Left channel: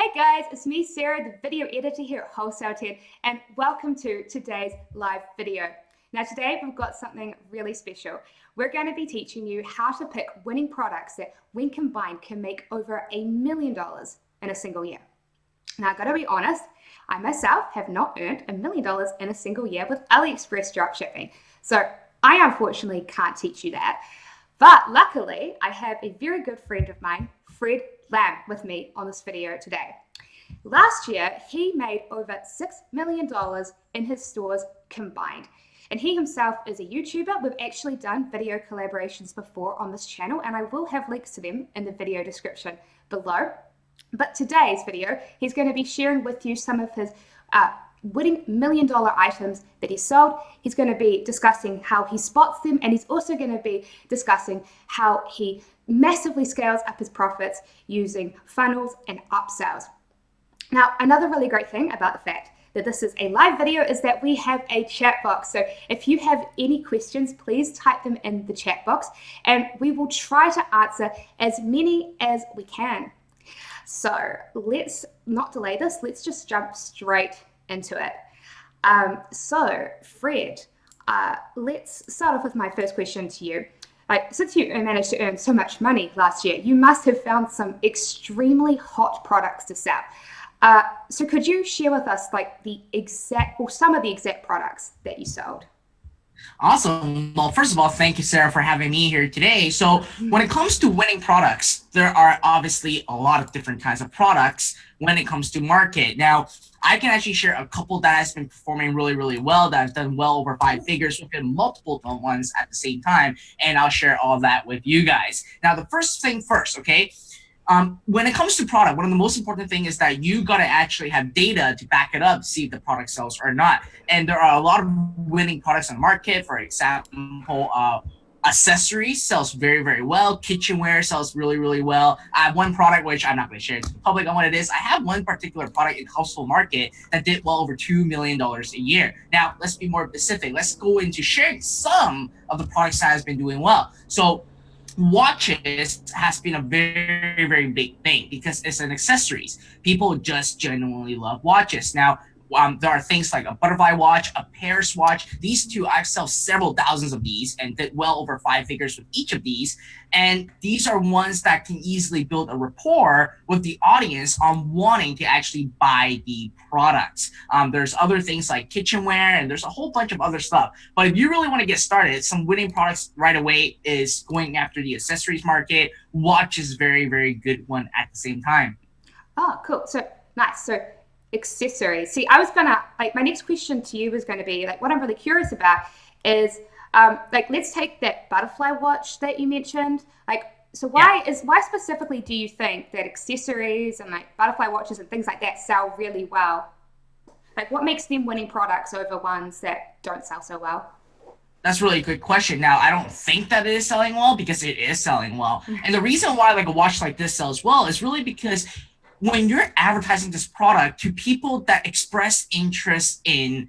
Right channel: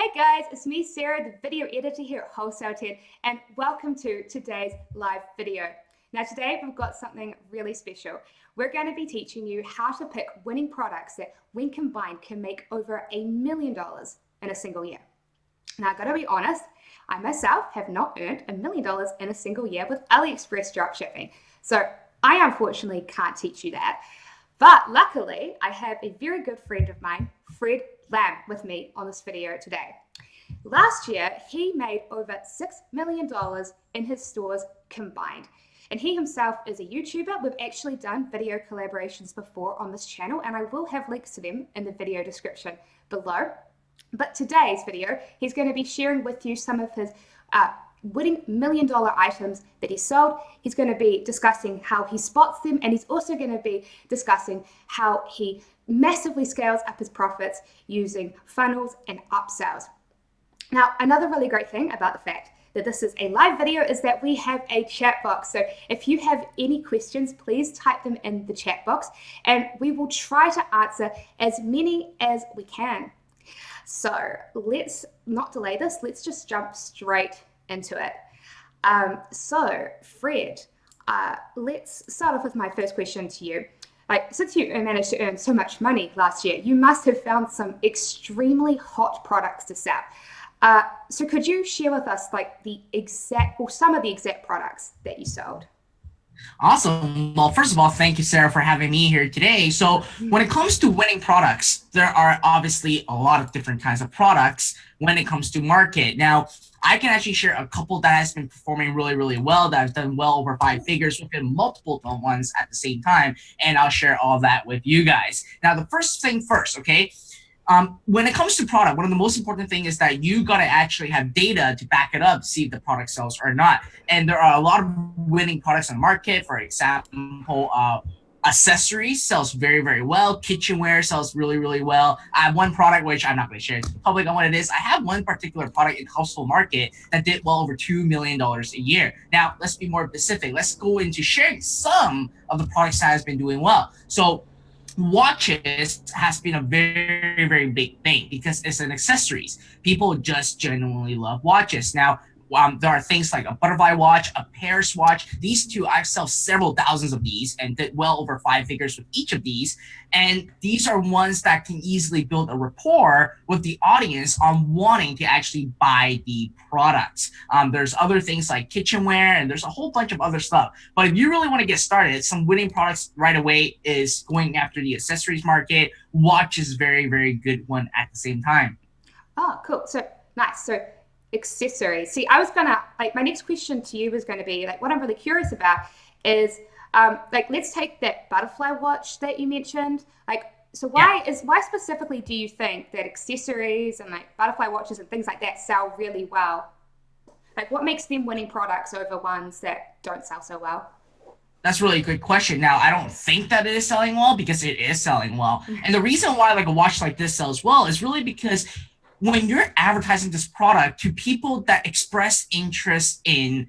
Hey guys, it's me, Sarah, the video editor here at Wholesale 10, and welcome to today's live video. Now today we've got something really special. We're going to be teaching you how to pick winning products that when combined can make over $1 million in a single year. Now I've got to be honest, I myself have not earned $1 million in a single year with Aliexpress dropshipping. So I unfortunately can't teach you that. But luckily, I have a very good friend of mine, Fred Lam, with me on this video today. Last year, he made over $6 million in his stores combined. And he himself is a YouTuber. We've actually done video collaborations before on this channel, and I will have links to them in the video description below. But today's video, he's going to be sharing with you some of his winning $1 million items that he sold. He's going to be discussing how he spots them, and he's also going to be discussing how he massively scales up his profits using funnels and upsells. Now, another really great thing about the fact that this is a live video is that we have a chat box. So if you have any questions, please type them in the chat box, and we will try to answer as many as we can. So let's not delay this. Let's just jump straight into it. So Fred, let's start off with my first question to you. Since you managed to earn so much money last year, you must have found some extremely hot products to sell. So could you share with us some of the exact products that you sold? Awesome. Well, first of all, thank you, Sarah, for having me here today. So when it comes to winning products, there are obviously a lot of different kinds of products when it comes to market. Now, I can actually share a couple that has been performing really, really well, that have done well over 5 figures within multiple ones at the same time, and I'll share all that with you guys. Now, the first thing first, okay? When it comes to product, one of the most important thing is that you got to actually have data to back it up, see if the product sells or not. And there are a lot of winning products on the market. For example, accessories sells very, very well. Kitchenware sells really, really well. I have one product, which I'm not going to share public on what it is. I have one particular product in household market that did well over $2 million a year. Now, let's be more specific. Let's go into sharing some of the products that has been doing well. So watches has been a very, very big thing because it's an accessories. People just genuinely love watches. Now, there are things like a butterfly watch, a Paris watch. These two, I've sold several thousands of these and did well over 5 figures with each of these. And these are ones that can easily build a rapport with the audience on wanting to actually buy the products. There's other things like kitchenware, and there's a whole bunch of other stuff. But if you really want to get started, some winning products right away is going after the accessories market. Watch is very, very good one at the same time. Oh, cool. So nice. So accessories. See, I was gonna my next question to you was going to be what I'm really curious about is let's take that butterfly watch that you mentioned. So why specifically do you think that accessories and butterfly watches and things like that sell really well? What makes them winning products over ones that don't sell so well? That's really a good question. Now, I don't think that it is selling well because it is selling well. And the reason why a watch like this sells well is really because when you're advertising this product to people that express interest in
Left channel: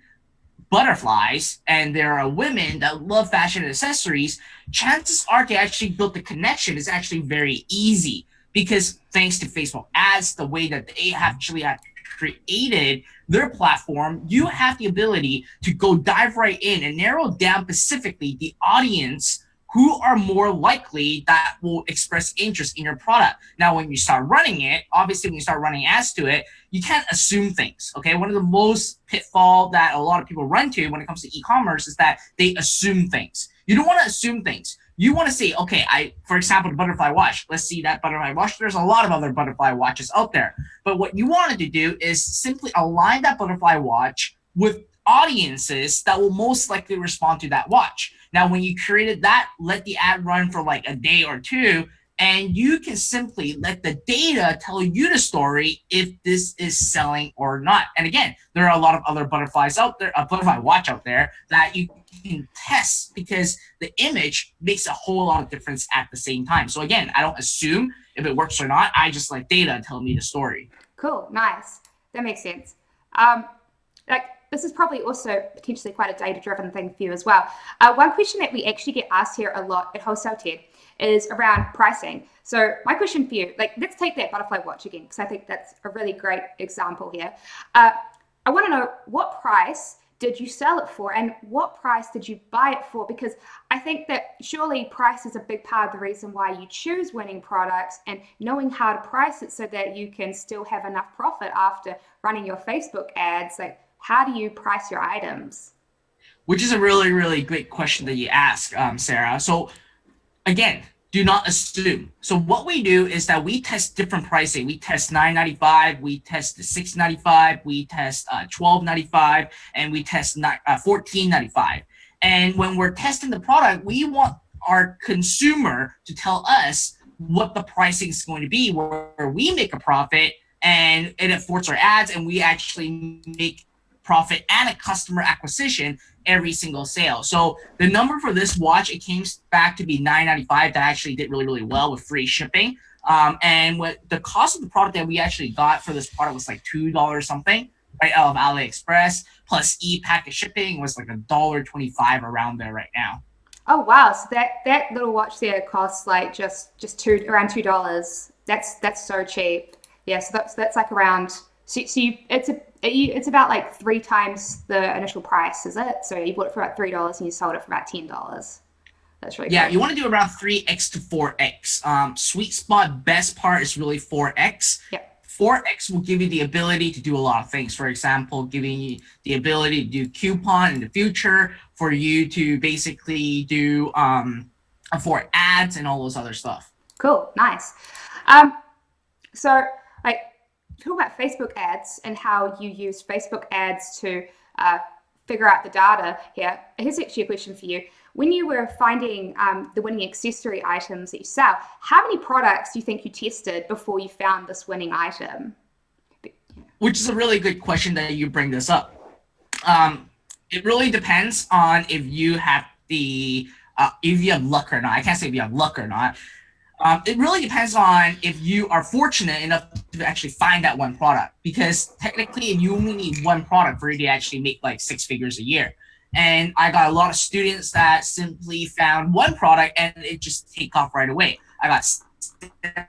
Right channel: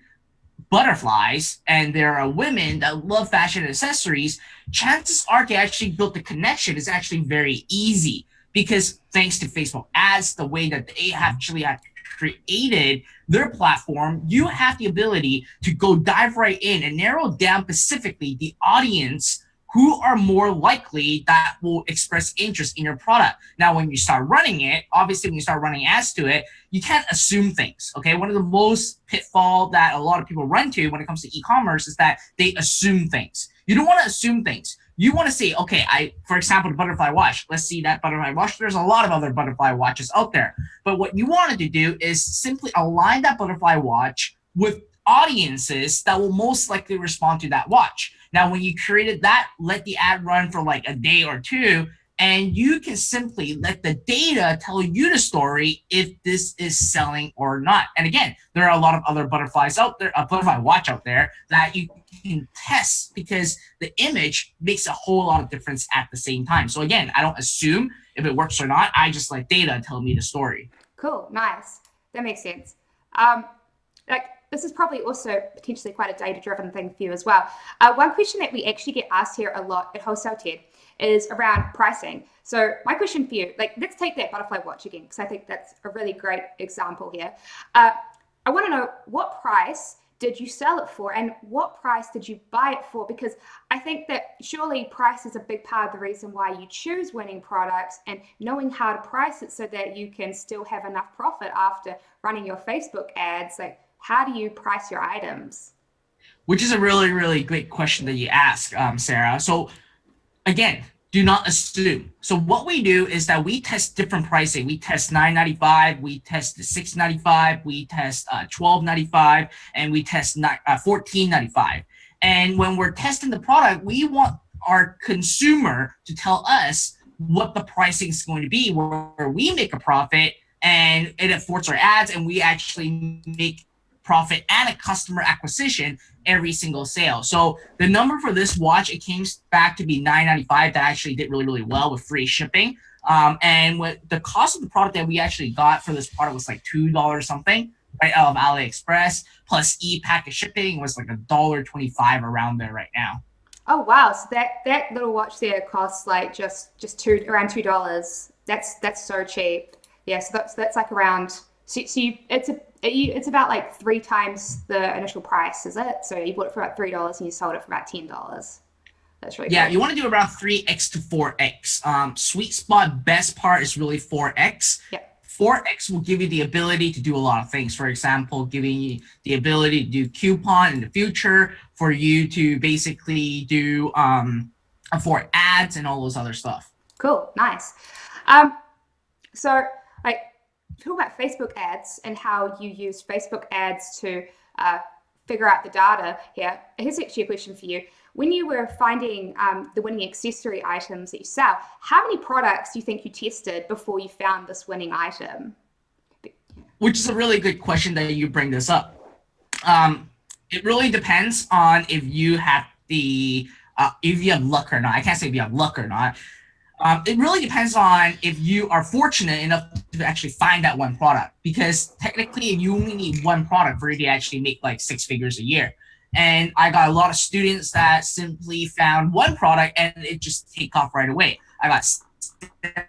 butterflies, and there are women that love fashion and accessories, chances are to actually build the connection is actually very easy because thanks to Facebook ads, the way that they actually have created their platform, you have the ability to go dive right in and narrow down specifically the audience who are more likely that will express interest in your product. Now, when you start running it, obviously when you start running ads to it, you can't assume things, okay? One of the most pitfall that a lot of people run to when it comes to e-commerce is that they assume things. You don't want to assume things. You want to say, okay, for example, the butterfly watch, let's see that butterfly watch. There's a lot of other butterfly watches out there. But what you wanted to do is simply align that butterfly watch with audiences that will most likely respond to that watch. Now, when you created that, let the ad run for a day or two, and you can simply let the data tell you the story if this is selling or not. And again, there are a lot of other butterflies out there, a butterfly watch out there that you can test because the image makes a whole lot of difference at the same time. So again, I don't assume if it works or not. I just let data tell me the story. Cool, nice. That makes sense. This is probably also potentially quite a data-driven thing for you as well. One question that we actually get asked here a lot at Wholesale 10 is around pricing. So my question for you, like, let's take that butterfly watch again, because I think that's a really great example here. I want to know, what price did you sell it for, and what price did you buy it for? Because I think that surely price is a big part of the reason why you choose winning products, and knowing how to price it so that you can still have enough profit after running your Facebook ads. Like, how do you price your items? Which is a really, really great question that you ask, Sarah. So again, do not assume. So what we do is that we test different pricing. We test $9.95, we test the $6.95, we test $12.95, and we test $14.95. And when we're testing the product, we want our consumer to tell us what the pricing is going to be, where we make a profit, and it affords our ads, and we actually make profit and a customer acquisition every single sale. So the number for this watch, it came back to be $9.95. That actually did really, really well with free shipping. And what the cost of the product that we actually got for this product was like $2 something, right, out of Aliexpress, plus e-packet shipping was like $1.25 around there right now. Oh wow! So that little watch there costs like just around $2. That's so cheap. Yeah, so that's like around. It's about like 3 times the initial price, is it? So you bought it for about $3 and you sold it for about $10. That's really Yeah, cool. you want to do around 3x to 4x. Sweet spot, best part is really 4x. Yep. 4x will give you the ability to do a lot of things. For example, giving you the ability to do coupon in the future, for you to basically do for ads and all those other stuff. Cool. Nice. Um, so like, talk about Facebook ads and how you use Facebook ads to figure out the data here. Here's actually a question for you. When you were finding the winning accessory items that you sell, how many products do you think you tested before you found this winning item? Which is a really good question that you bring this up. It really depends on if you have luck or not. I can't say if you have luck or not. It really depends on if you are fortunate enough to actually find that one product, because technically you only need one product for you to actually make like 6 figures a year. And I got a lot of students that simply found one product and it just take off right away. I got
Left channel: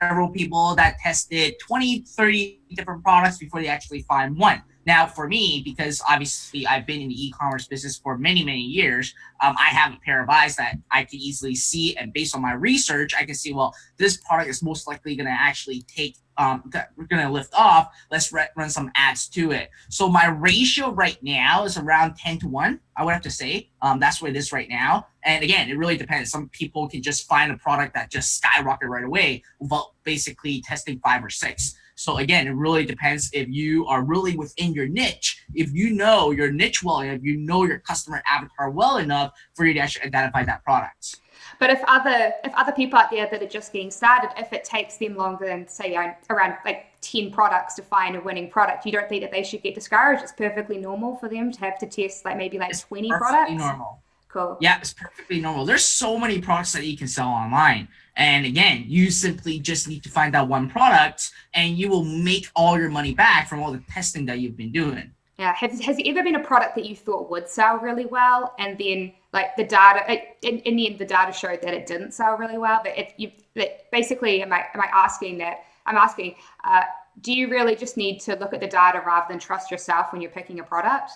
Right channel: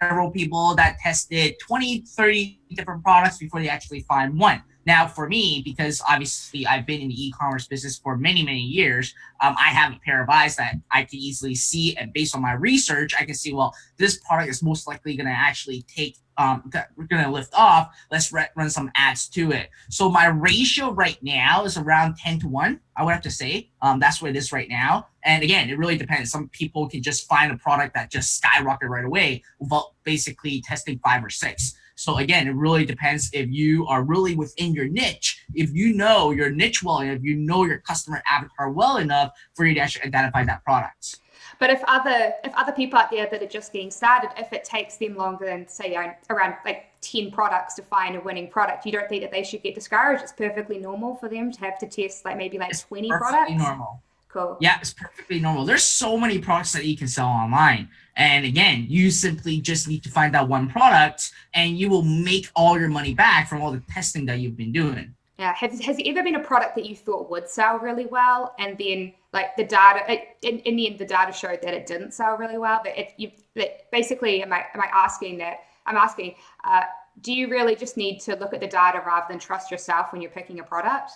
several people that tested 20, 30 different products before they actually find one. Now, for me, because obviously I've been in the e-commerce business for many, many years, I have a pair of eyes that I can easily see, and based on my research, I can see, well, this product is most likely going to actually we're going to lift off. Let's run some ads to it. So my ratio right now is around 10 to 1, I would have to say. That's what it is right now. And again, it really depends. Some people can just find a product that just skyrocket right away without basically testing 5 or 6. So again, it really depends if you are really within your niche, if you know your niche well, and if you know your customer avatar well enough for you to actually identify that product. But if other people out there that are just getting started, if it takes them longer than, say, around like 10 products to find a winning product, you don't think that they should get discouraged? It's perfectly normal for them to have to test like maybe like 20 products. Normal. Cool. Yeah, it's perfectly normal. There's so many products that you can sell online. And again, you simply just need to find that one product and you will make all your money back from all the testing that you've been doing. Yeah. Has there ever been a product that you thought would sell really well, and then like the data, in the end, the data showed that it didn't sell really well? But basically, am I asking that? I'm asking, do you really just need to look at the data rather than trust yourself when you're picking a product?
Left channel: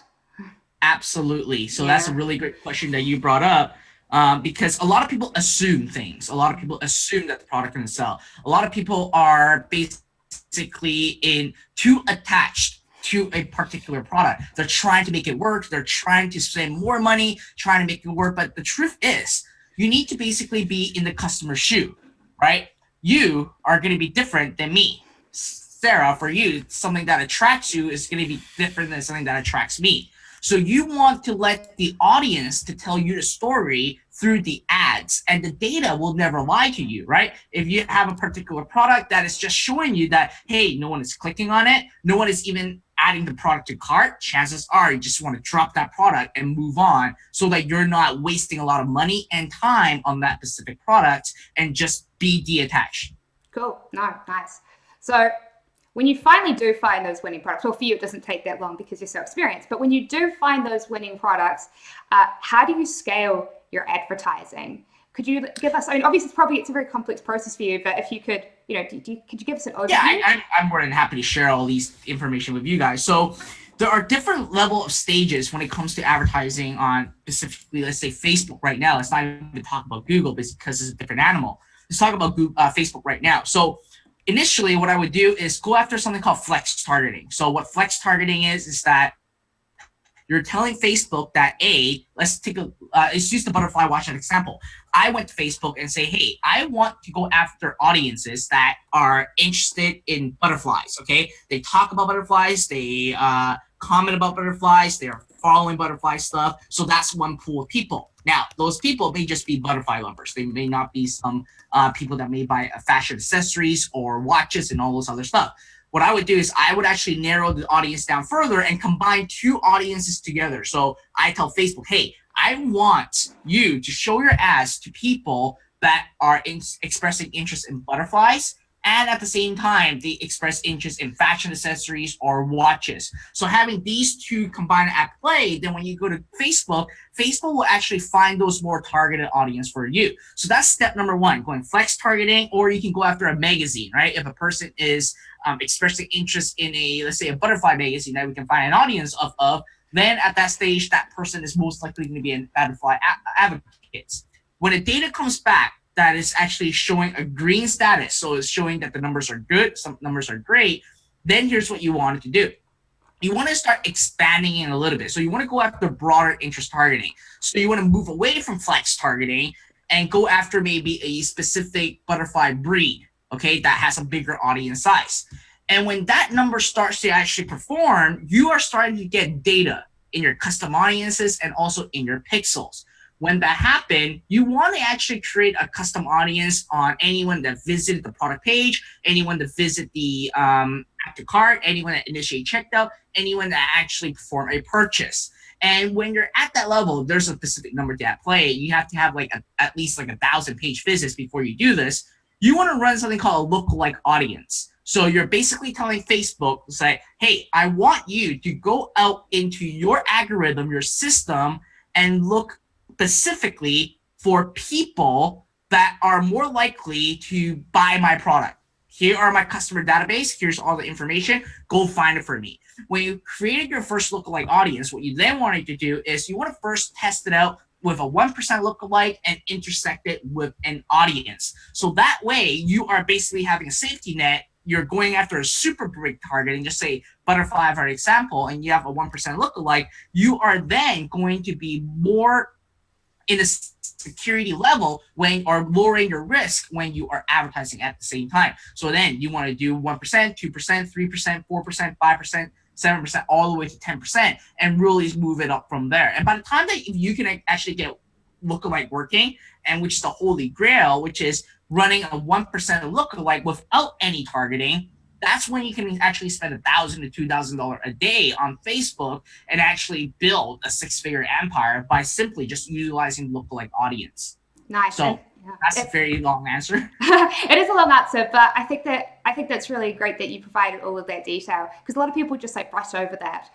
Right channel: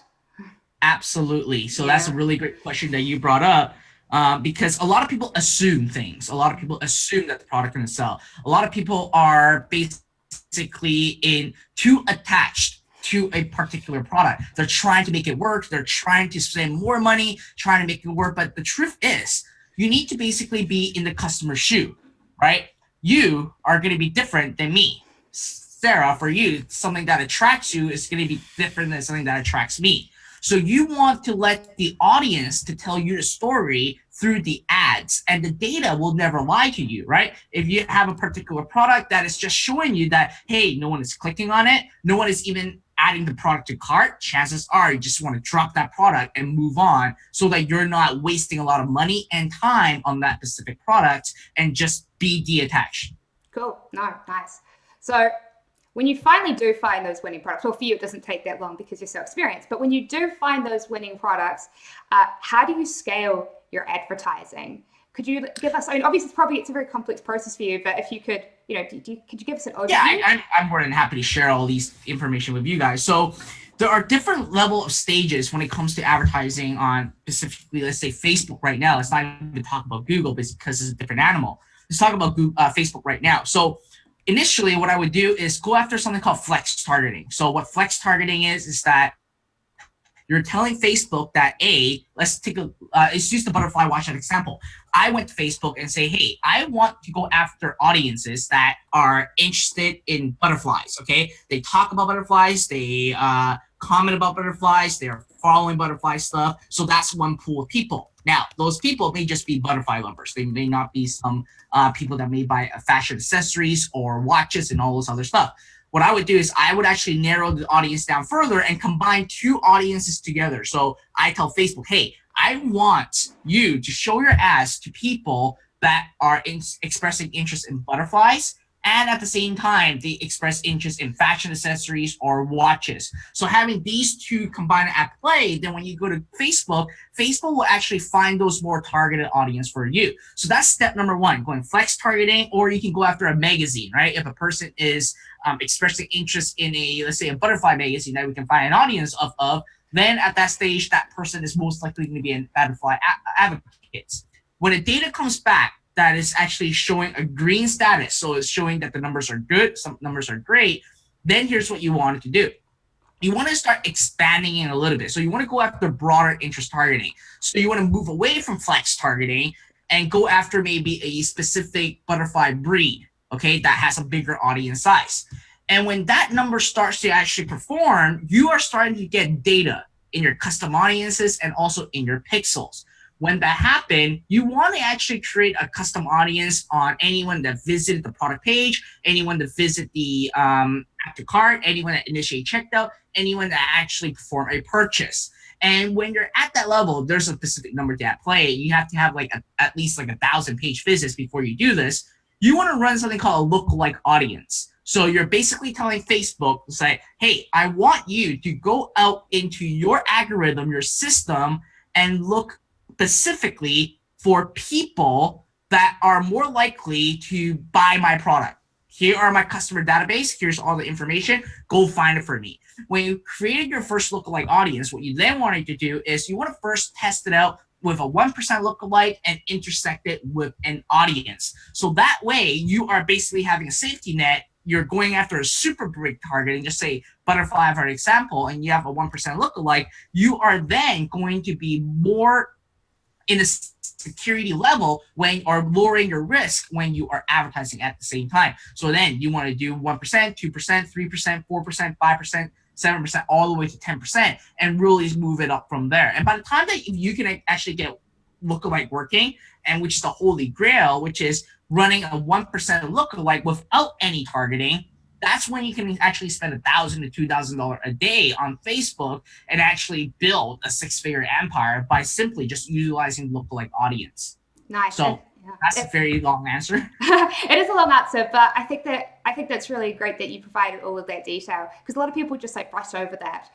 Absolutely. So Yeah. that's a really great question that you brought up. Because a lot of people assume things. A lot of people assume that the product can sell. A lot of people are basically too attached to a particular product. They're trying to make it work. They're trying to spend more money, trying to make it work. But the truth is, you need to basically be in the customer's shoe, right? You are going to be different than me. Sarah, for you, something that attracts you is going to be different than something that attracts me. So you want to let the audience to tell you the story through the ads, and the data will never lie to you, right? If you have a particular product that is just showing you that, hey, no one is clicking on it, no one is even adding the product to cart, chances are you just want to drop that product and move on, so that you're not wasting a lot of money and time on that specific product, and just be detached. Cool. No, nice. So when you finally do find those winning products, well, for you, it doesn't take that long because you're so experienced, but when you do find those winning products, how do you scale your advertising? Could you give us, I mean, obviously it's a very complex process for you, but if you could, could you give us an overview? Yeah, I'm more than happy to share all these information with you guys. So there are different level of stages when it comes to advertising on specifically, let's say Facebook right now. Let's not even talk about Google because it's a different animal. Let's talk about Facebook right now. So initially what I would do is go after something called flex targeting. So what flex targeting is that you're telling Facebook that let's use the butterfly watch as an example. I went to Facebook and say, hey, I want to go after audiences that are interested in butterflies. Okay, they talk about butterflies, they comment about butterflies, they are following butterfly stuff. So that's one pool of people. Now, those people may just be butterfly lovers. They may not be some people that may buy fashion accessories or watches and all those other stuff. What I would do is I would actually narrow the audience down further and combine two audiences together. So I tell Facebook, hey, I want you to show your ads to people that are expressing interest in butterflies, and at the same time, they express interest in fashion accessories or watches. So having these two combined at play, then when you go to Facebook, Facebook will actually find those more targeted audience for you. So that's step number one, going flex targeting, or you can go after a magazine, right? If a person is expressing interest in let's say a butterfly magazine that we can find an audience of, then at that stage, that person is most likely going to be a butterfly advocate. When the data comes back, that is actually showing a green status, so it's showing that the numbers are good, some numbers are great, then here's what you want to do. You want to start expanding it a little bit. So you want to go after broader interest targeting. So you want to move away from flex targeting and go after maybe a specific butterfly breed, okay, that has a bigger audience size. And when that number starts to actually perform, you are starting to get data in your custom audiences and also in your pixels. When that happened, you want to actually create a custom audience on anyone that visited the product page, anyone that visited the add to cart, anyone that initially checked out, anyone that actually performed a purchase. And when you're at that level, there's a specific number to play. You have to have at least 1,000 page visits before you do this. You want to run something called a lookalike audience. So you're basically telling Facebook to say, hey, I want you to go out into your algorithm, your system, and look specifically for people that are more likely to buy my product. Here are my customer database. Here's all the information. Go find it for me. When you created your first lookalike audience, what you then wanted to do is you want to first test it out with a 1% lookalike and intersect it with an audience. So that way you are basically having a safety net. You're going after a super big target and just say butterfly for example, and you have a 1% lookalike. You are then going to be more in a security level or lowering your risk when you are advertising at the same time. So then you want to do 1%, 2%, 3%, 4%, 5%, 7%, all the way to 10%, and really move it up from there. And by the time that you can actually get lookalike working, and which is the holy grail, which is running a 1% lookalike without any targeting, that's when you can actually spend $1,000 to $2,000 a day on Facebook and actually build a six-figure empire by simply just utilizing lookalike audience. Nice. So that's a very long answer. It is a long answer, but I think that's really great that you provided all of that detail, because a lot of people just brush over that.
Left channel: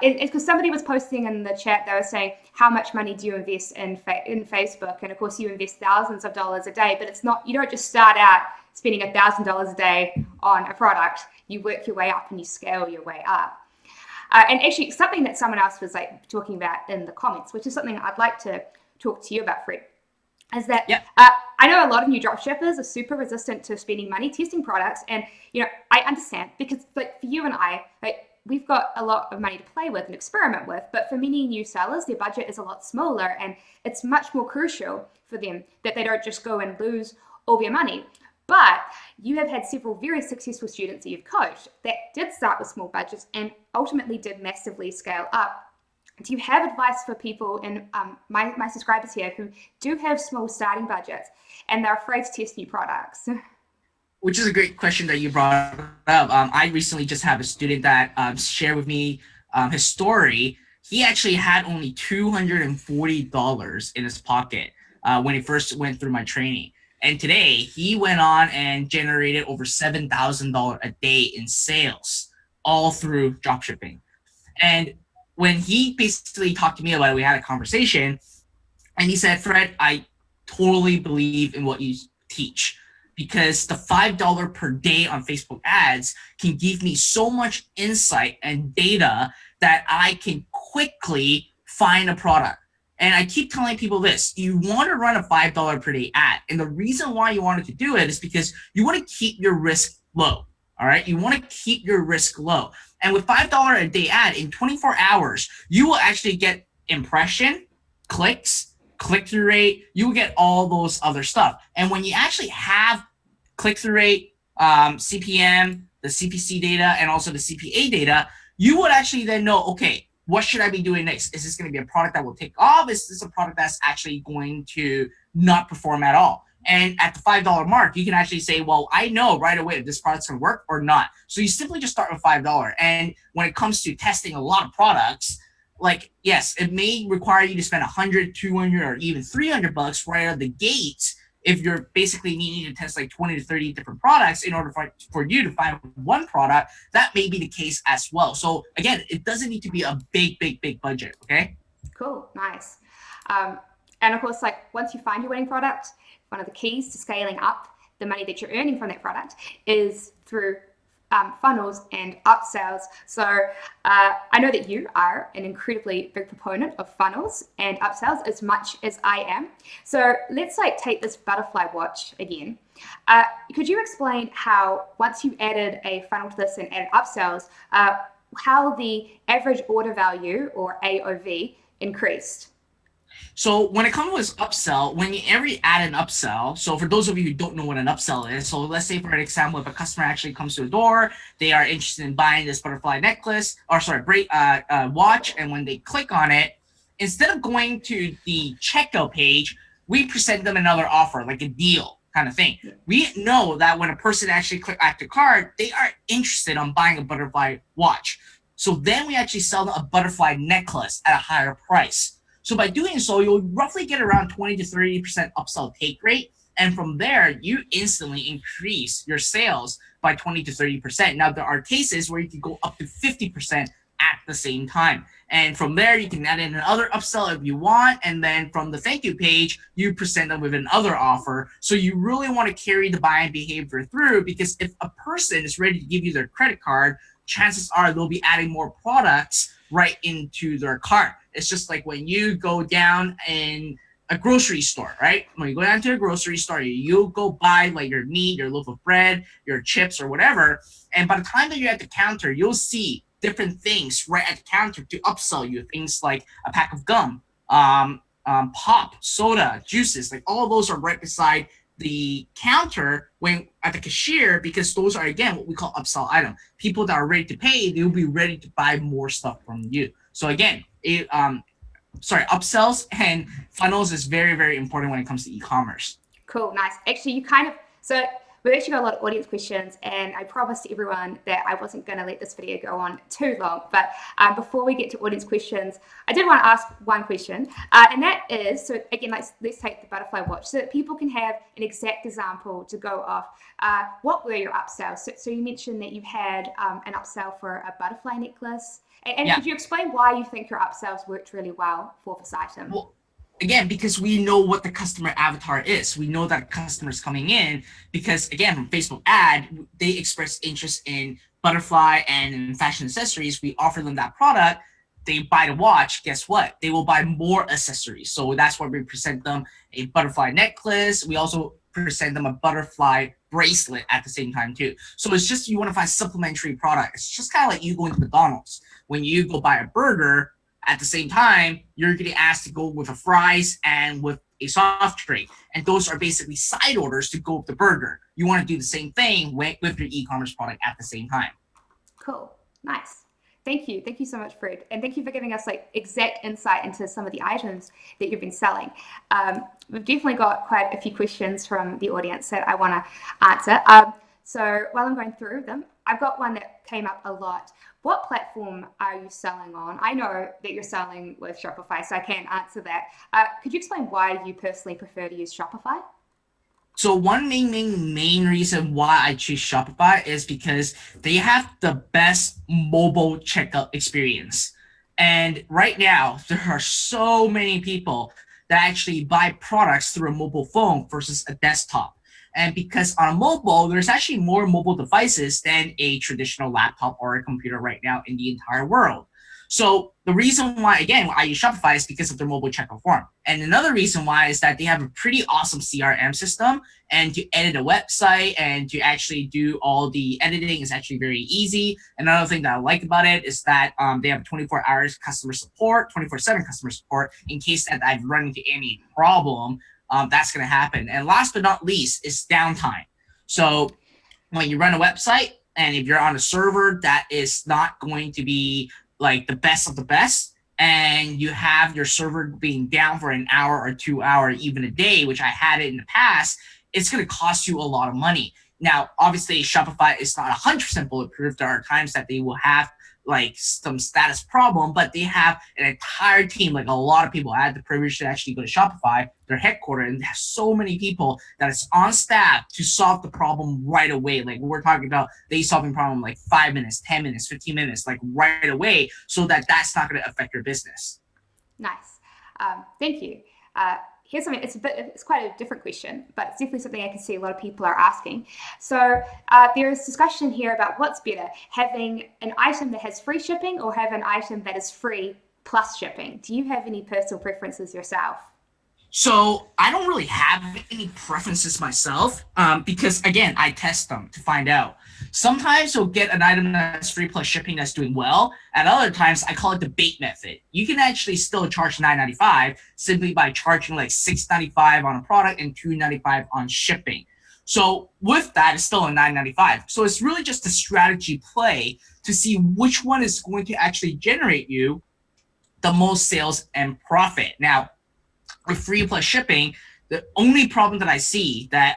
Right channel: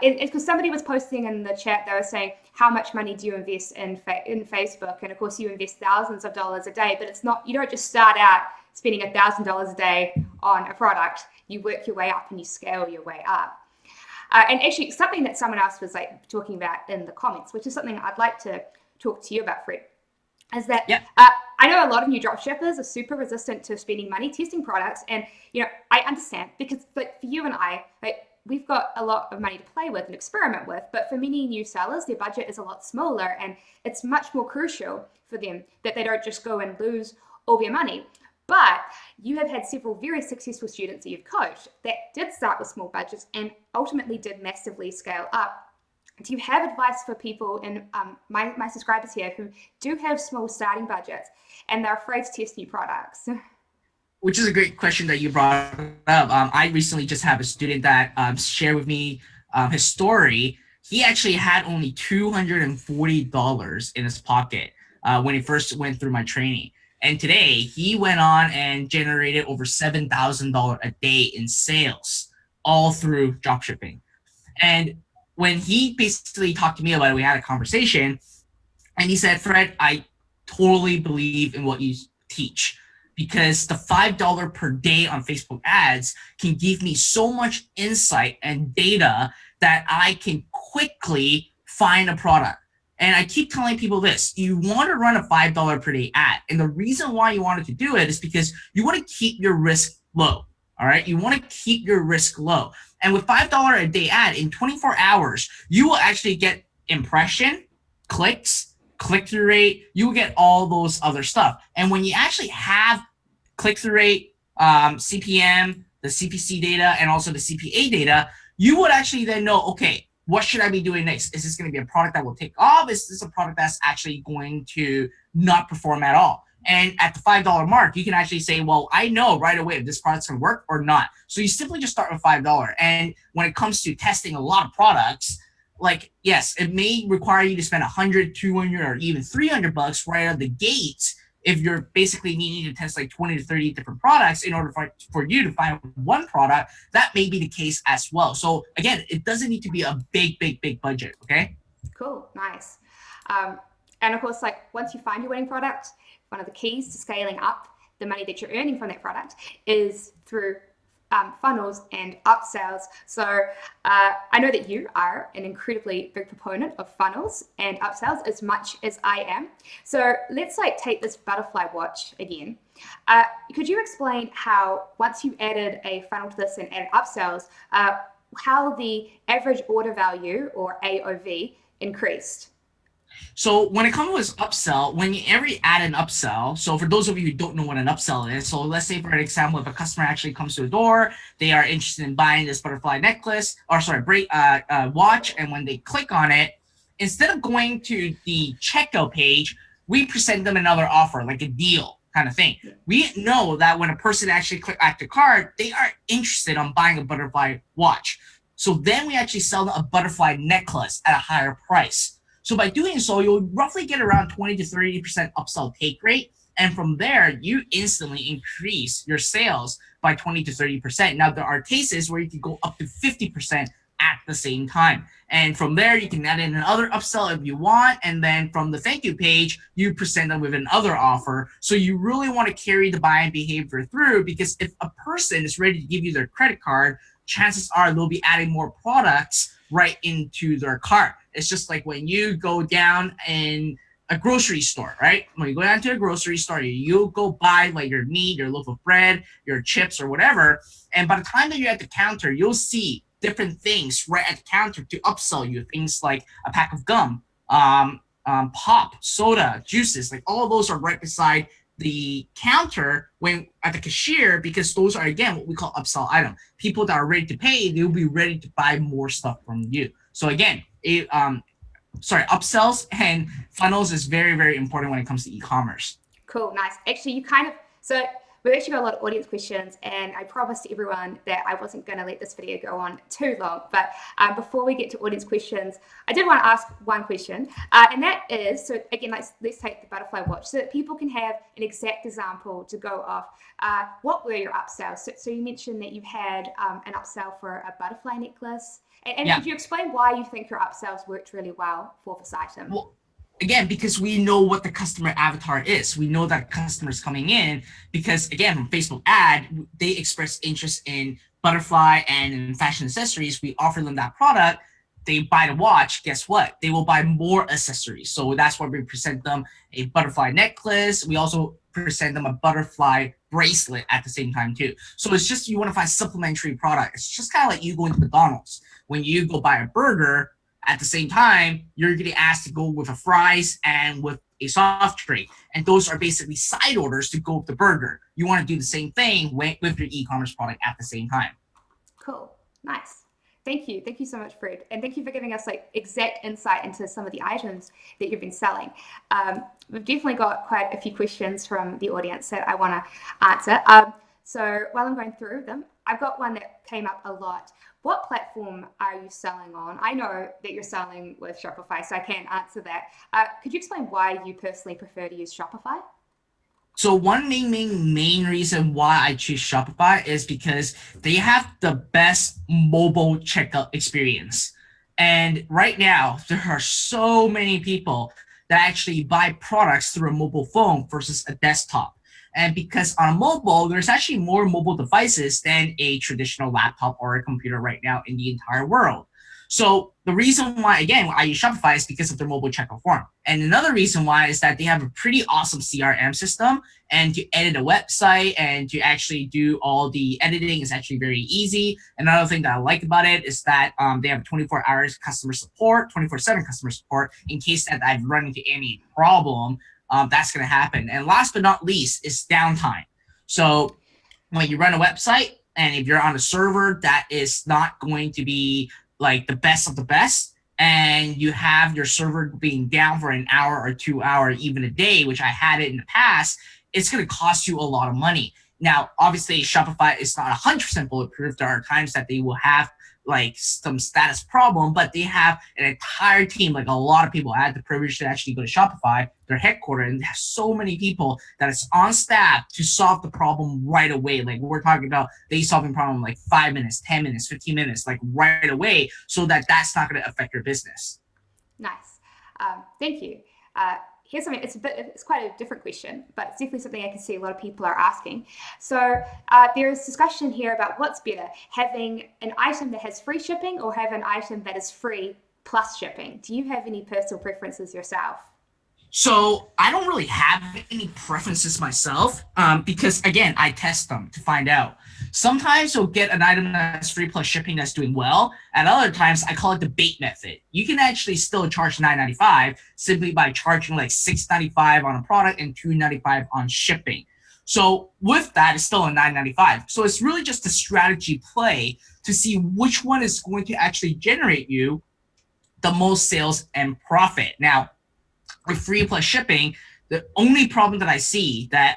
It's because somebody was posting in the chat, they were saying, how much money do you invest in Facebook? And of course you invest thousands of dollars a day, but it's not, you don't just start out spending $1,000 a day on a product. You work your way up and you scale your way up. And actually something that someone else was talking about in the comments, which is something I'd like to talk to you about, Fred, is that I know a lot of new dropshippers are super resistant to spending money testing products. And, I understand, because for you and I, we've got a lot of money to play with and experiment with, but for many new sellers, their budget is a lot smaller, and it's much more crucial for them that they don't just go and lose all their money. But you have had several very successful students that you've coached that did start with small budgets and ultimately did massively scale up. Do you have advice for people and my subscribers here who do have small starting budgets and they're afraid to test new products? Which is a great question that you brought up. I recently just have a student that shared with me his story. He actually had only $240 in his pocket when he first went through my training. And today he went on and generated over $7,000 a day in sales, all through dropshipping. And when he basically talked to me about it, we had a conversation, and he said, Fred, I totally believe in what you teach, because the $5 per day on Facebook ads can give me so much insight and data that I can quickly find a product. And I keep telling people this: you want to run a $5 per day ad. And the reason why you wanted to do it is because you want to keep your risk low. All right. You want to keep your risk low. And with $5 a day ad in 24 hours, you will actually get impression, clicks, click-through rate. You will get all those other stuff. And when you actually have click-through rate, CPM, the CPC data, and also the CPA data, you would actually then know, okay, what should I be doing next? Is this going to be a product that will take off? Is this a product that's actually going to not perform at all? And at the $5 mark, you can actually say, well, I know right away if this product's going to work or not. So you simply just start with $5. And when it comes to testing a lot of products, like, yes, it may require you to spend 100, 200, or even $300 right out of the gate if you're basically needing to test like 20 to 30 different products in order for you to find one product. That may be the case as well. So again, it doesn't need to be a big budget, okay? Cool, nice. And of course, like once you find your winning product, one of the keys to scaling up the money that you're earning from that product is through funnels and upsells. So I know that you are an incredibly big proponent of funnels and upsells as much as I am. So let's like take this butterfly watch again. Could you explain how once you added a funnel to this and added upsells, how the average order value or AOV increased? So when it comes to upsell, when you ever add an upsell, so for those of you who don't know what an upsell is, so let's say for an example, if a customer actually comes to the door, they are interested in buying this butterfly necklace, or sorry, watch, and when they click on it, instead of going to the checkout page, we present them another offer, like a deal kind of thing. We know that when a person actually click add to cart, they are interested on buying a butterfly watch. So then we actually sell them a butterfly necklace at a higher price. So by doing so, you'll roughly get around 20 to 30% upsell take rate. And from there, you instantly increase your sales by 20 to 30%. Now, there are cases where you can go up to 50% at the same time. And from there, you can add in another upsell if you want. And then from the thank you page, you present them with another offer. So you really want to carry the buying behavior through, because if a person is ready to give you their credit card, chances are they'll be adding more products right into their cart. It's just like when you go down in a grocery store, right? When you go down to a grocery store, you'll go buy like your meat, your loaf of bread, your chips or whatever. And by the time that you're at the counter, you'll see different things right at the counter to upsell you. Things like a pack of gum, pop, soda, juices, like all of those are right beside the counter when at the cashier, because those are, again, what we call upsell item. People that are ready to pay, they'll be ready to buy more stuff from you. So again, upsells and funnels is very important when it comes to e-commerce. Cool, nice. Actually, so we've actually got a lot of audience questions, and I promised everyone that I wasn't going to let this video go on too long. But before we get to audience questions, I did want to ask one question, and that is, so again, let's take the butterfly watch so that people can have an exact example to go off. What were your upsells? So you mentioned that you had an upsell for a butterfly necklace. And yeah. Could you explain why you think your upsells worked really well for this item? Well, again, because we know what the customer avatar is. We know that customers coming in because, again, from Facebook ad, they express interest in butterfly and in fashion accessories. We offer them that product. They buy the watch. Guess what? They will buy more accessories. So that's why we present them a butterfly necklace. We also present them a butterfly bracelet at the same time too. So it's just, you want to find supplementary product. It's just kind of like you going to McDonald's. When you go buy a burger, at the same time, you're getting asked to go with a fries and with a soft drink. And those are basically side orders to go with the burger. You want to do the same thing with your e-commerce product at the same time. Cool. Nice. Thank you. Thank you so much, Fred. And thank you for giving us like exact insight into some of the items that you've been selling. We've definitely got quite a few questions from the audience that I want to answer. So while I'm going through them, I've got one that came up a lot. What platform are you selling on? I know that you're selling with Shopify, so I can't answer that. Could you explain why you personally prefer to use Shopify? So one main reason why I choose Shopify is because they have the best mobile checkout experience. And right now, there are so many people that actually buy products through a mobile phone versus a desktop. And because on a mobile, there's actually more mobile devices than a traditional laptop or a computer right now in the entire world. So the reason why, again, I use Shopify is because of their mobile checkout form. And another reason why is that they have a pretty awesome CRM system, and to edit a website and to actually do all the editing is actually very easy. Another thing that I like about it is that they have 24 hours customer support, 24/7 customer support in case that I've run into any problem. That's going to happen. And last but not least is downtime. So when you run a website and if you're on a server that is not going to be like the best of the best, and you have your server being down for an hour or 2 hours, even a day, which I had it in the past, it's going to cost you a lot of money. Now, obviously, Shopify is not 100% bulletproof. There are times that they will have like some status problem, but they have an entire team, like a lot of people. I had the privilege to actually go to Shopify, their headquarters, and they have so many people that is on staff to solve the problem right away. Like we're talking about they solving problem like 5 minutes, 10 minutes, 15 minutes, like right away, so that that's not going to affect your business. Nice. Thank you. Here's something, it's quite a different question, but it's definitely something I can see a lot of people are asking. So there is discussion here about what's better, having an item that has free shipping or have an item that is free plus shipping. Do you have any personal preferences yourself? So I don't really have any preferences myself, because again, I test them to find out. Sometimes you'll get an item that's free plus shipping that's doing well. At other times, I call it the bait method. You can actually still charge $9.95 simply by charging like $6.95 on a product and $2.95 on shipping. So with that, it's still a $9.95. So it's really just a strategy play to see which one is going to actually generate you the most sales and profit. Now, with free plus shipping, the only problem that I see that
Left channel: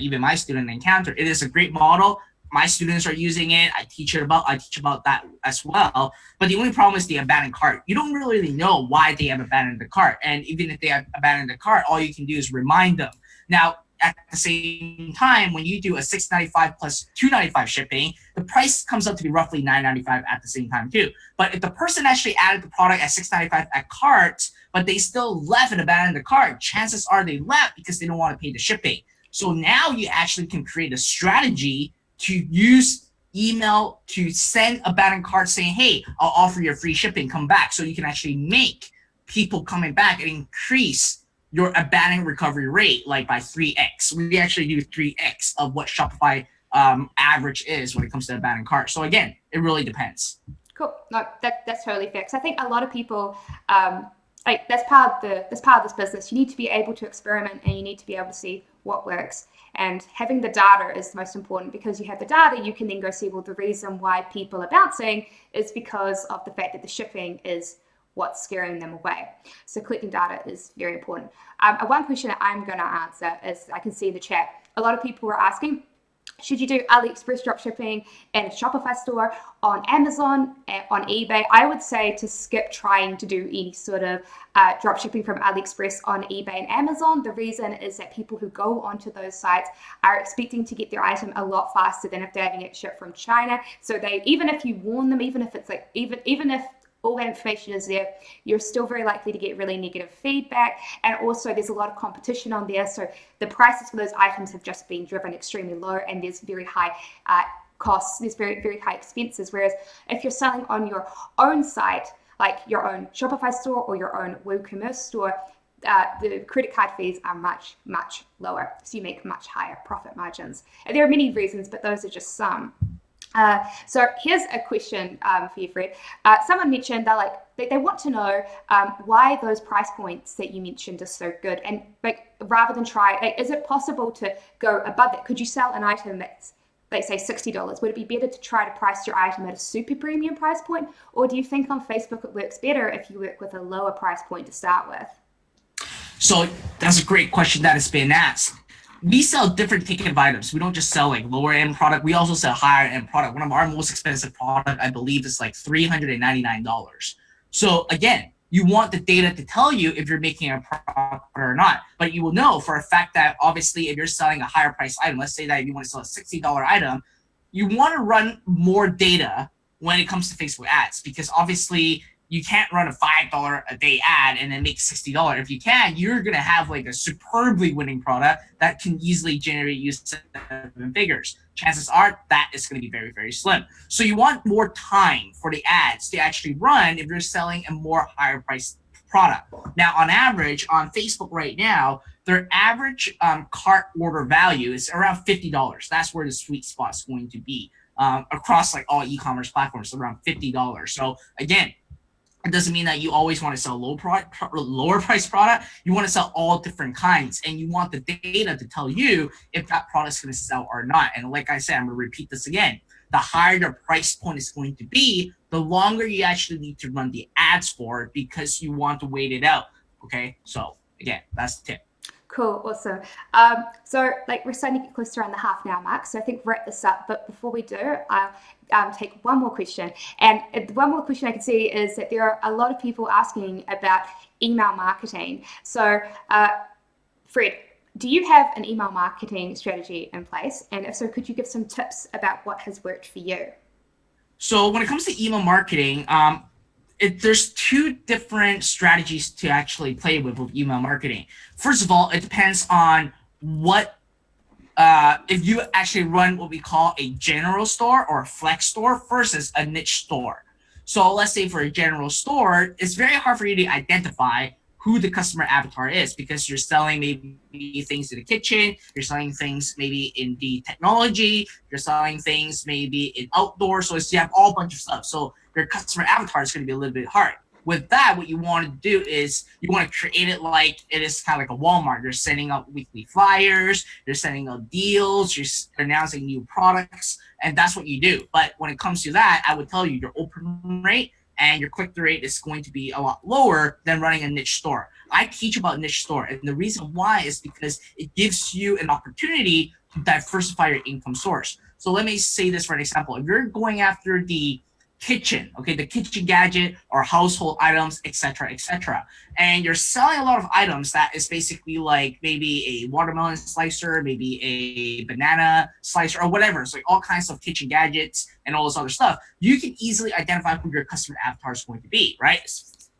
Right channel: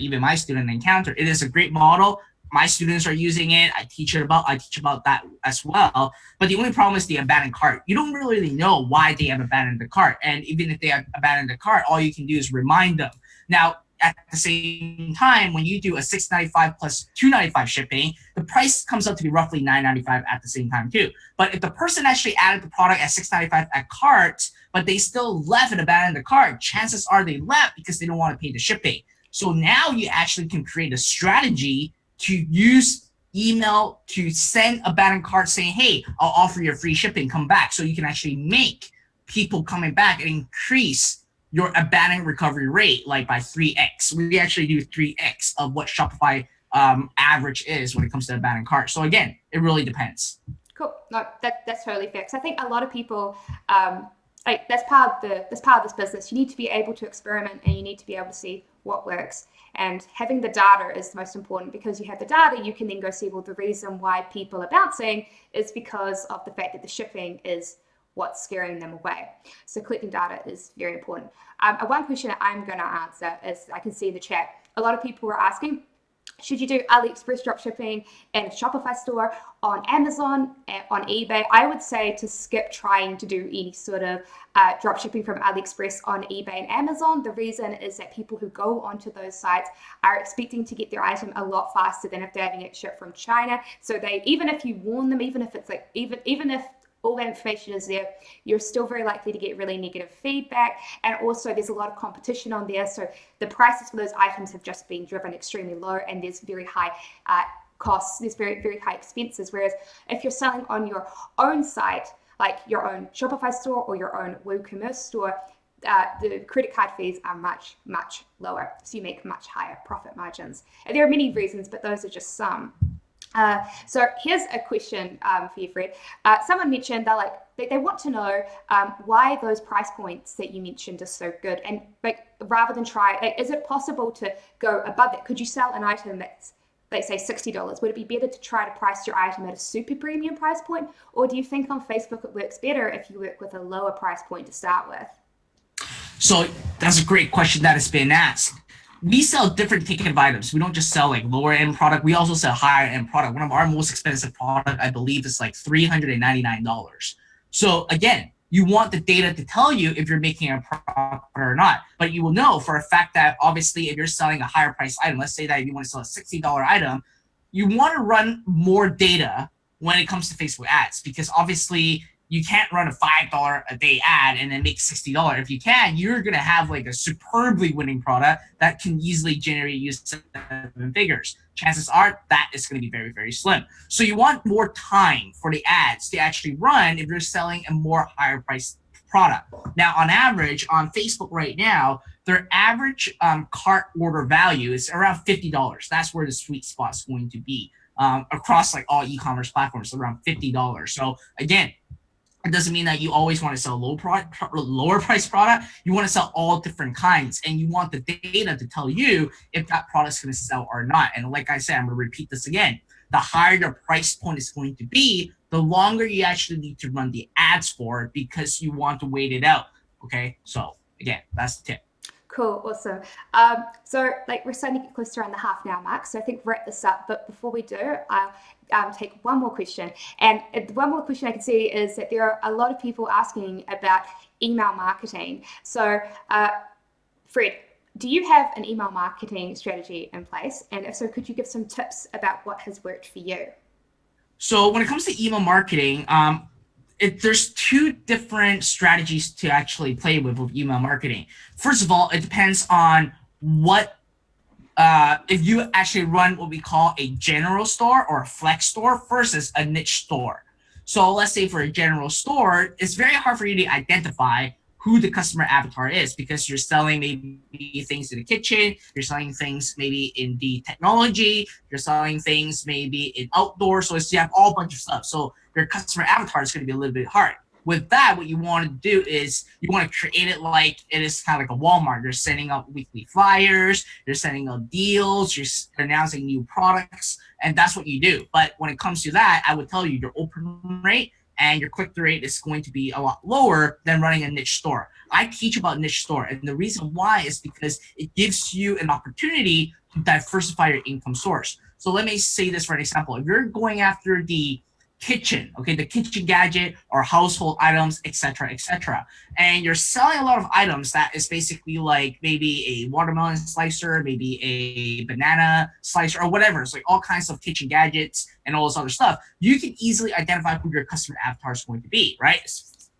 even my student encounter, it is a great model. My students are using it. I teach about that as well. But the only problem is the abandoned cart. You don't really know why they have abandoned the cart. And even if they have abandoned the cart, all you can do is remind them. Now, at the same time, when you do a $6.95 plus $2.95 shipping, the price comes up to be roughly $9.95 at the same time too. But if the person actually added the product at $6.95 at cart, but they still left and abandoned the cart, chances are they left because they don't want to pay the shipping. So now you actually can create a strategy to use email to send abandoned cart saying, hey, I'll offer you free shipping, come back. So you can actually make people coming back and increase your abandoned recovery rate like by 3x. We actually do 3x of what Shopify average is when it comes to abandoned cart. So again, it really depends. Cool. No, that's totally fair. Because I think a lot of people, like that's part of this business. You need to be able to experiment and you need to be able to see what works. And having the data is the most important, because you have the data, you can then go see, well, the reason why people are bouncing is because of the fact that the shipping is what's scaring them away. So collecting data is very important. One question that I'm going to answer is, I can see in the chat, a lot of people were asking, should you do Aliexpress dropshipping in a Shopify store, on Amazon, on eBay? I would say to skip trying to do any sort of dropshipping from Aliexpress on eBay and Amazon. The reason is that people who go onto those sites are expecting to get their item a lot faster than if they're having it shipped from China. So even if you warn them, even if it's like, even if all that information is there, you're still very likely to get really negative feedback. And also there's a lot of competition on there. So the prices for those items have just been driven extremely low, and there's very high costs, there's very, very high expenses. Whereas if you're selling on your own site, like your own Shopify store or your own WooCommerce store, the credit card fees are much, much lower. So you make much higher profit margins. And there are many reasons, but those are just some. So here's a question for you, Fred. Someone mentioned they want to know why those price points that you mentioned are so good, and like rather than is it possible to go above it? Could you sell an item that's, let's say, $60? Would it be better to try to price your item at a super premium price point, or do you think on Facebook it works better if you work with a lower price point to start with? So that's a great question that has been asked. We sell different ticket of items. We don't just sell like lower end product. We also sell higher end product. One of our most expensive product, I believe, is like $399. So again, you want the data to tell you if you're making a profit or not. But you will know for a fact that obviously if you're selling a higher price item, let's say that you want to sell a $60 item, you want to run more data when it comes to Facebook ads, because obviously you can't run a $5 a day ad and then make $60. If you can, you're gonna have like a superbly winning product that can easily generate you 7 figures. Chances are that is going to be very, very slim. So you want more time for the ads to actually run if you're selling a more higher price product. Now, on average, on Facebook right now, their average cart order value is around $50. That's where the sweet spot is going to be across like all e-commerce platforms, around $50. So again, it doesn't mean that you always want to sell lower price product. You want to sell all different kinds, and you want the data to tell you if that product's going to sell or not. And like I said, I'm going to repeat this again. The higher the price point is going to be, the longer you actually need to run the ads for, because you want to wait it out. Okay, so again, that's the tip. Cool, awesome. So like we're starting to get close to around the half an hour mark, so I think we'll wrap this up. But before we do, I'll take one more question. And one more question I can see is that there are a lot of people asking about email marketing. So Fred, do you have an email marketing strategy in place? And if so, could you give some tips about what has worked for you? So when it comes to email marketing, there's 2 different strategies to actually play with email marketing. First of all, it depends on what if you actually run what we call a general store or a flex store versus a niche store. So let's say for a general store, it's very hard for you to identify who the customer avatar is, because you're selling maybe things in the kitchen, you're selling things maybe in the technology, you're selling things maybe in outdoor. So you have all bunch of stuff. So your customer avatar is going to be a little bit hard. With that, what you want to do is you want to create it like it is kind of like a Walmart. You're sending out weekly flyers, you're sending out deals, you're announcing new products, and that's what you do. But when it comes to that, I would tell you your open rate and your click-through rate is going to be a lot lower than running a niche store. I teach about niche store, and the reason why is because it gives you an opportunity to diversify your income source. So let me say this for an example. If you're going after the kitchen, okay, the kitchen gadget or household items, etc., and you're selling a lot of items that is basically like maybe a watermelon slicer, maybe a banana slicer, or whatever. It's like all kinds of kitchen gadgets and all this other stuff. You can easily identify who your customer avatar is going to be, right?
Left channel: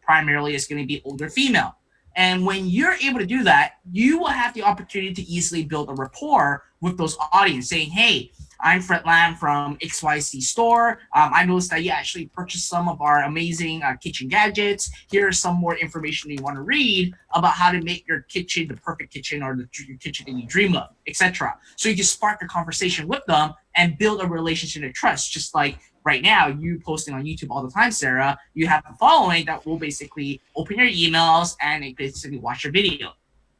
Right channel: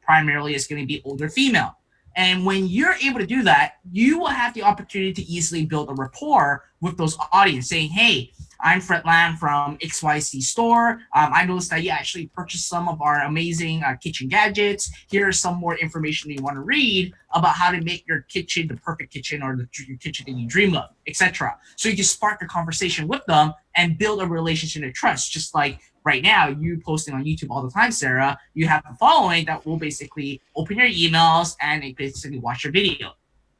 Primarily, it's going to be older female. And when you're able to do that, you will have the opportunity to easily build a rapport with those audience, saying, hey, I'm Fred Lam from XYZ store. I noticed that you actually purchased some of our amazing kitchen gadgets. Here's some more information you want to read about how to make your kitchen the perfect kitchen, or your kitchen that you dream of, etc. So you can spark a conversation with them and build a relationship of trust. Just like right now, you posting on YouTube all the time, Sarah, you have a following that will basically open your emails and they basically watch your video.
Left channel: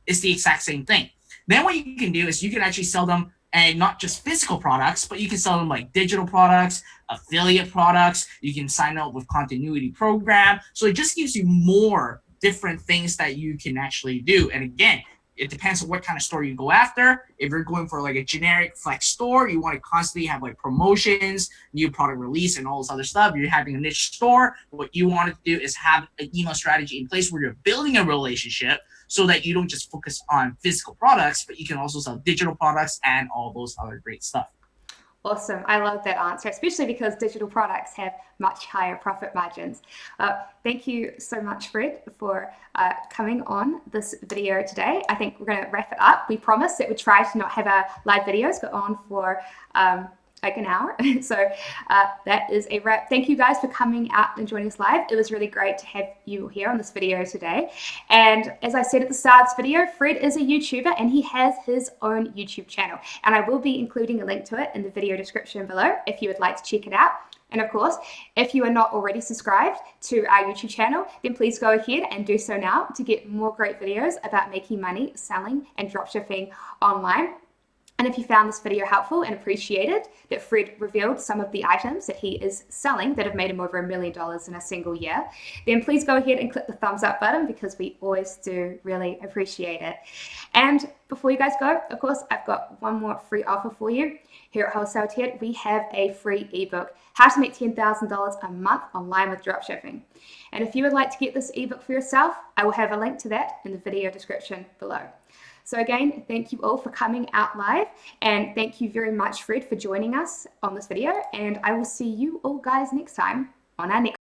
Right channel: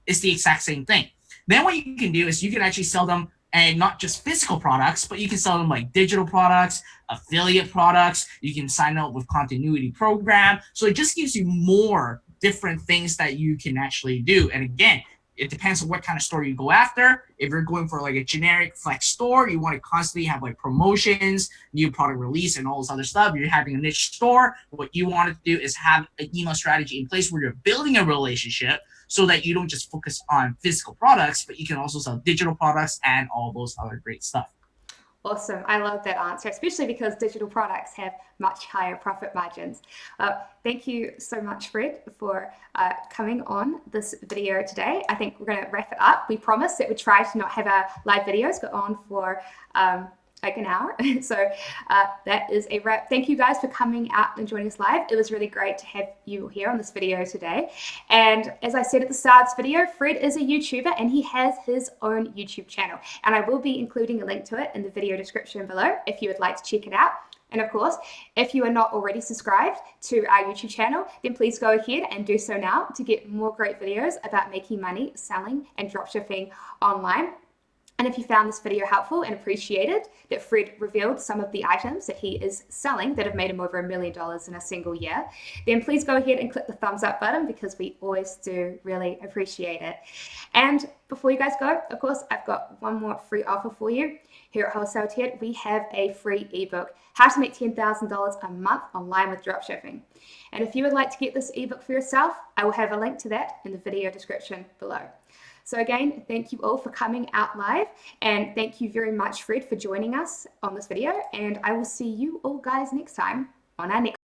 It's the exact same thing. Then what you can do is you can actually sell them, and not just physical products, but you can sell them like digital products, affiliate products. You can sign up with continuity program. So it just gives you more different things that you can actually do. And again, it depends on what kind of store you go after. If you're going for like a generic flex store, you want to constantly have like promotions, new product release, and all this other stuff. You're having a niche store. What you want to do is have an email strategy in place where you're building a relationship, so that you don't just focus on physical products, but you can also sell digital products and all those other great stuff. Awesome. I love that answer, especially because digital products have much higher profit margins. Thank you so much, Fred, for coming on this video today. I think we're going to wrap it up. We promised that we'd try to not have our live videos go on for like an hour. So that is a wrap. Thank you guys for coming out and joining us live. It was really great to have you here on this video today. And as I said at the start of this video, Fred is a YouTuber and he has his own YouTube channel. And I will be including a link to it in the video description below if you would like to check it out. And of course, if you are not already subscribed to our YouTube channel, then please go ahead and do so now to get more great videos about making money, selling, and dropshipping online. And if you found this video helpful and appreciated that Fred revealed some of the items that he is selling that have made him over $1 million in a single year, then please go ahead and click the thumbs up button, because we always do really appreciate it. And before you guys go, of course, I've got one more free offer for you. Here at Wholesale Ted, we have a free ebook, How to Make $10,000 a Month Online with Dropshipping. And if you would like to get this ebook for yourself, I will have a link to that in the video description below. So again, thank you all for coming out live, and thank you very much, Fred, for joining us on this video, and I will see you all guys next time on our next